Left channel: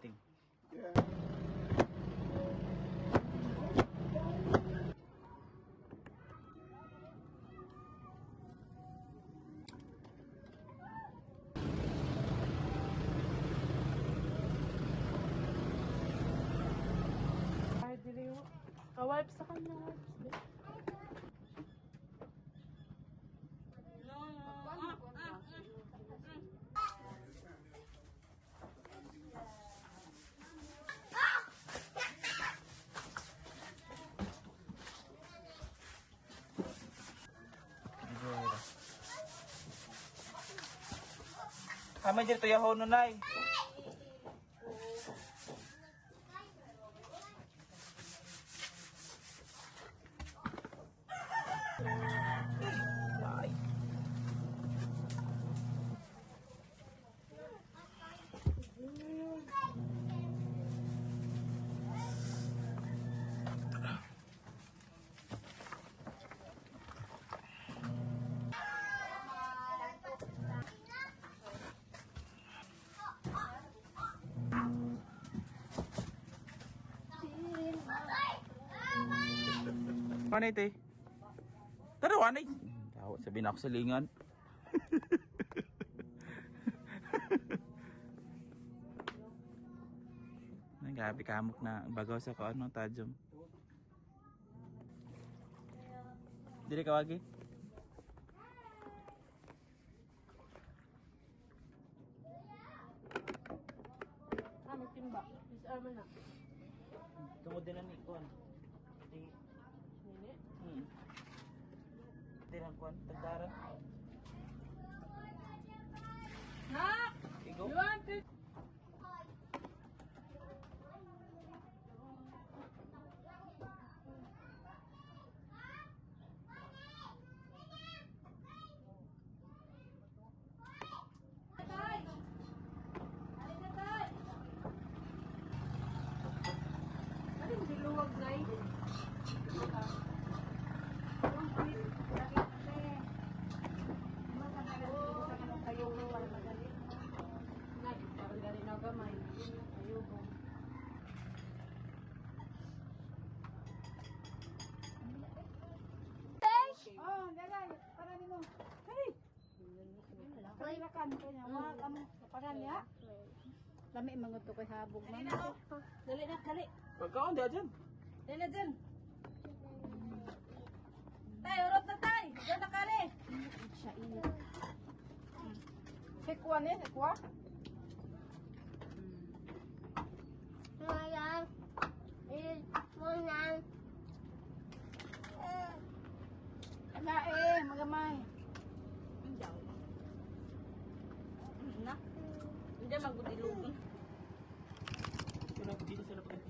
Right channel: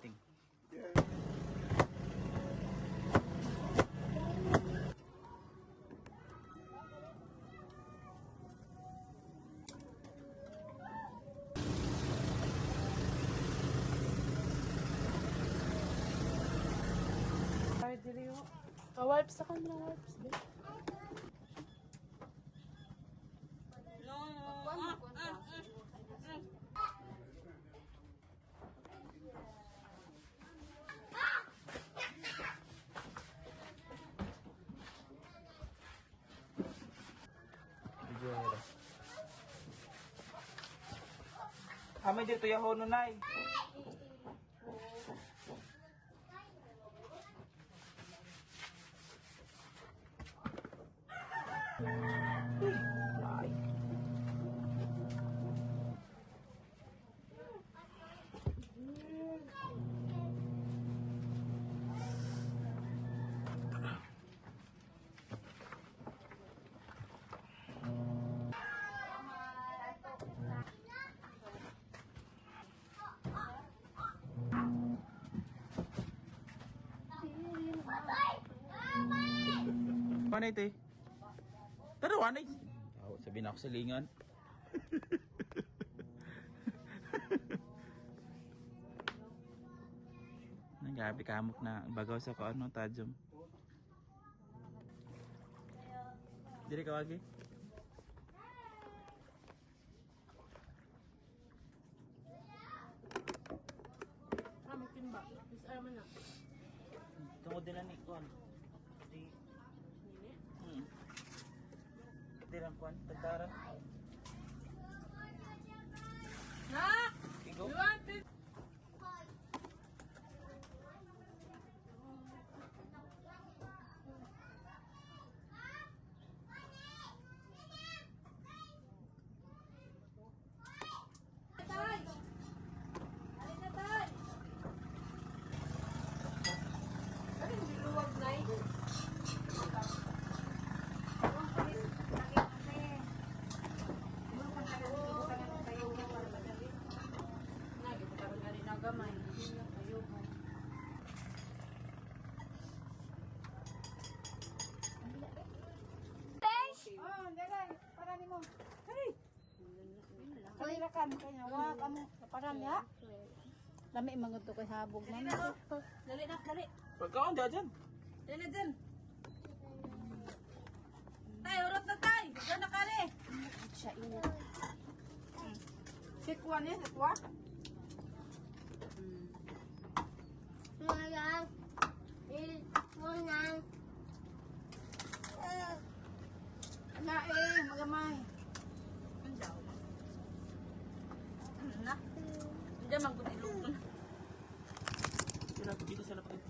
parating. Ay, dili mo. Wipes sa kanya, wipes. May dito yaho nunay. Ano ito eh? Tarawan eh. Tahu sabihin ako sa lingan. Nagabi kamok na bagaw sa kaon ng tajom. Dili ka wagi? Kami timba. Is arman na. Tungod din ni kon. Di Dirang kuan tagdaran. Ha? Igo. You want it? Ano diluwag na eh? Nagamay. Ayuban. Oh, dalay. Para ni mo. Hey. Ay, rakan kanya. Wa kamo para niya. Lami mga to kay habog na. Dali na, dali. Pagkaon dia dyan. Dali na dyan. Tay, urot na tay. Diyan na kali. Siya ina. Sikwa niya, sikwa. Na magamay. Andaw. Na. Hindi man gud ilungan. Kira dito sa lapay.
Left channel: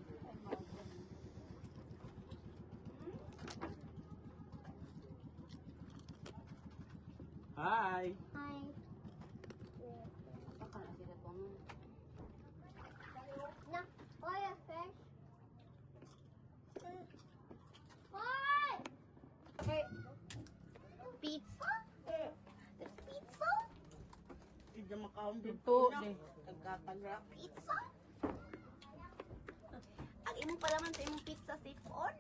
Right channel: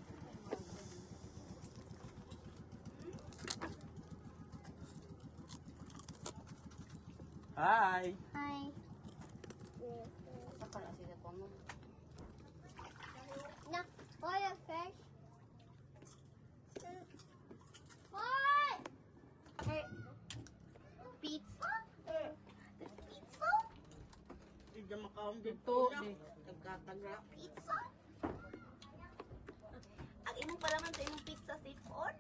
Hi. Hi. Sa kana sila ko mo. No, boy, a fish. Hi. Okay. Pizza? There's pizza? Hindi makaon dito ni tagkatagra. Pizza? Ang imo pala man sa imong pizza sipon?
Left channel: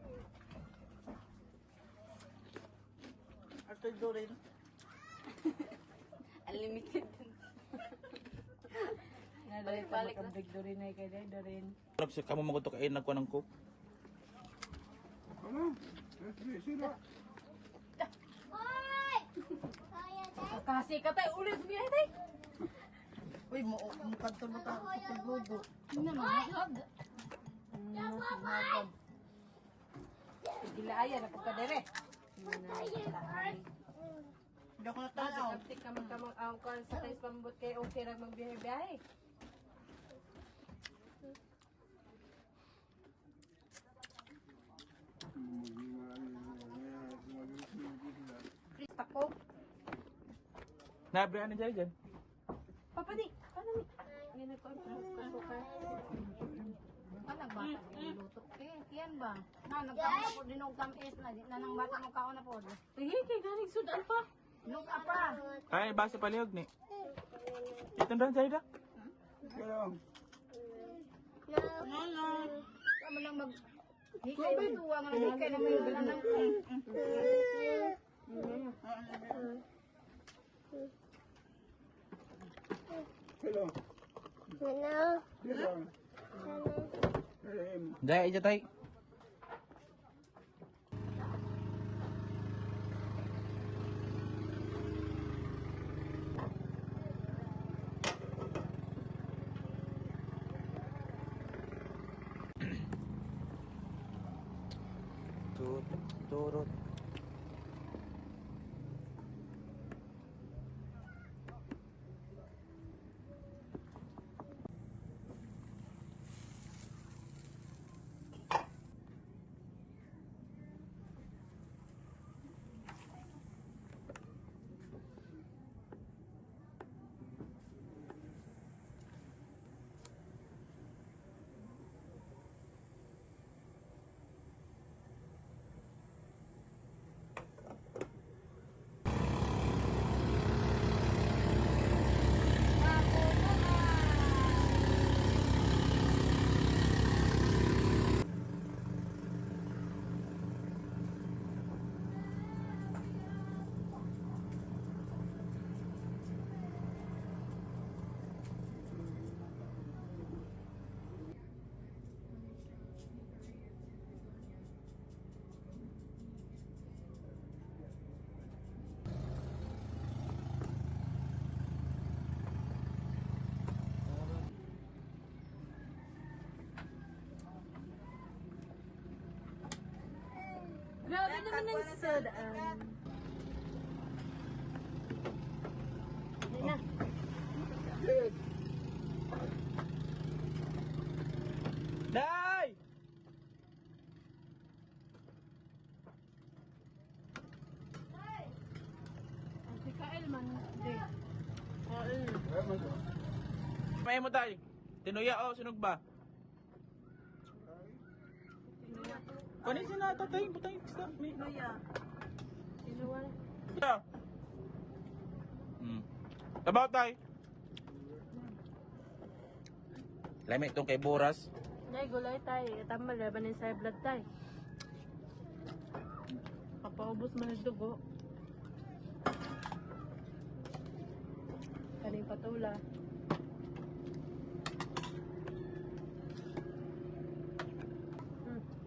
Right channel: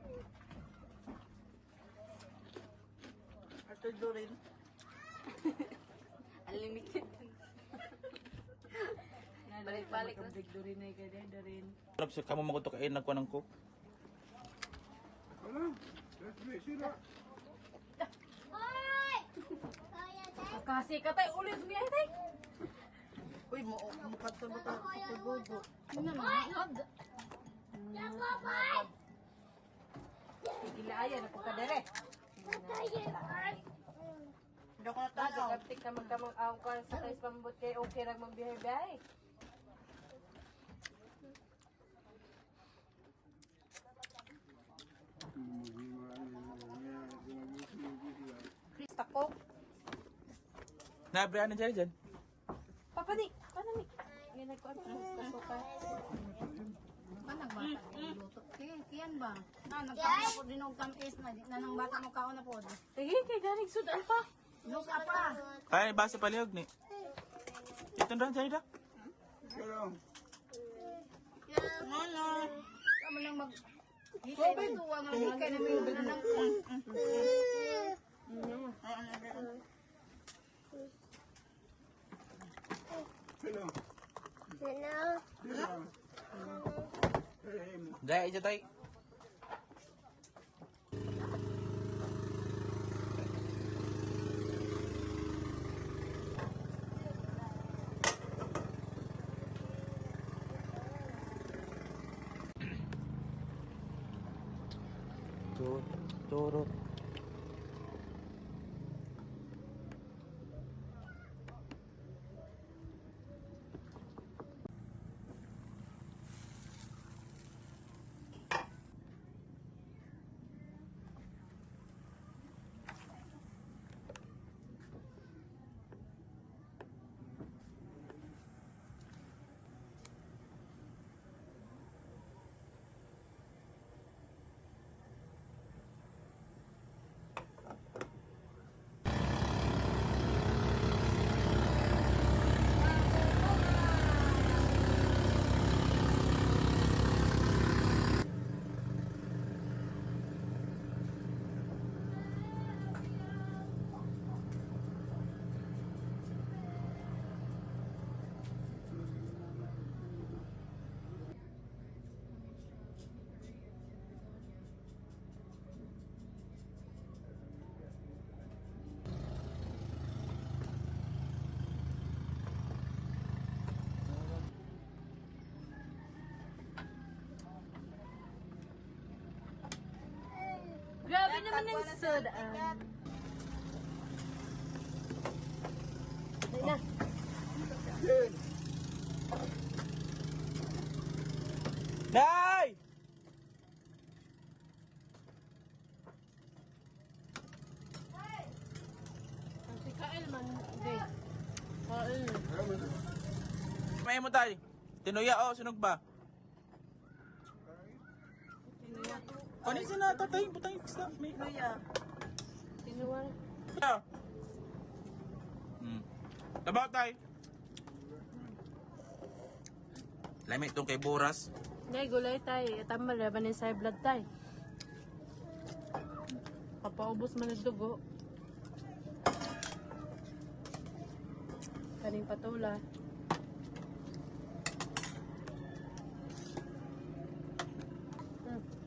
Ate Dorin. Unlimited. Balik-balik ang big Dorin ay kay Dorin. Harap sa kamo magutok ay nagkuha ng cook. Hoy! Kaya tayo. Kasi ka tayo ulit biya tay. Uy, mukad ka sa paggugo. Ano mahag? Mahag. Gilaayan na pagkadere. Hindi ko na tanaw. Kapit ka magkamang ka sa kayo pambut kay okay lang magbihay-bihay. Tako. Nabre ano dyan dyan? Papa di, paano ni? Yan ako ano ka. Kanang bata luto. Kiyan ba? Nagkakaroon po din og tamis na di na nang bata mo kaon na po. Hindi, galing sudan pa. Luto pa lang. Ay, basa palihog ni. Ito na dyan da. Kamo nang mag hikay tuwa nga hikay na may nanang ko. Dahil ito tayo. Turut. Grabe naman yung sadaan. Day! Kain man. Hindi. May mo tayo. Tinuya o, sunog ba? Kunin sa na tatay, butang yung isda. May Maya. Inuwan. Ito. Tabaw tayo. Lamig itong kay Boras. Nay, gulay tayo. Tama na ba na sa blood tayo? Papaubos mo ng dugo. Kaning patula.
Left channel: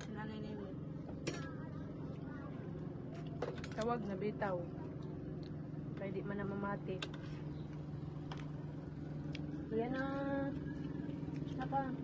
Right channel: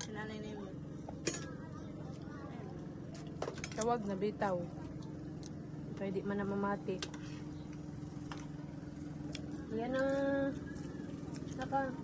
Sinanay na yun. Tawag na bitaw. Pwede man na mamati. Yan na. Naka.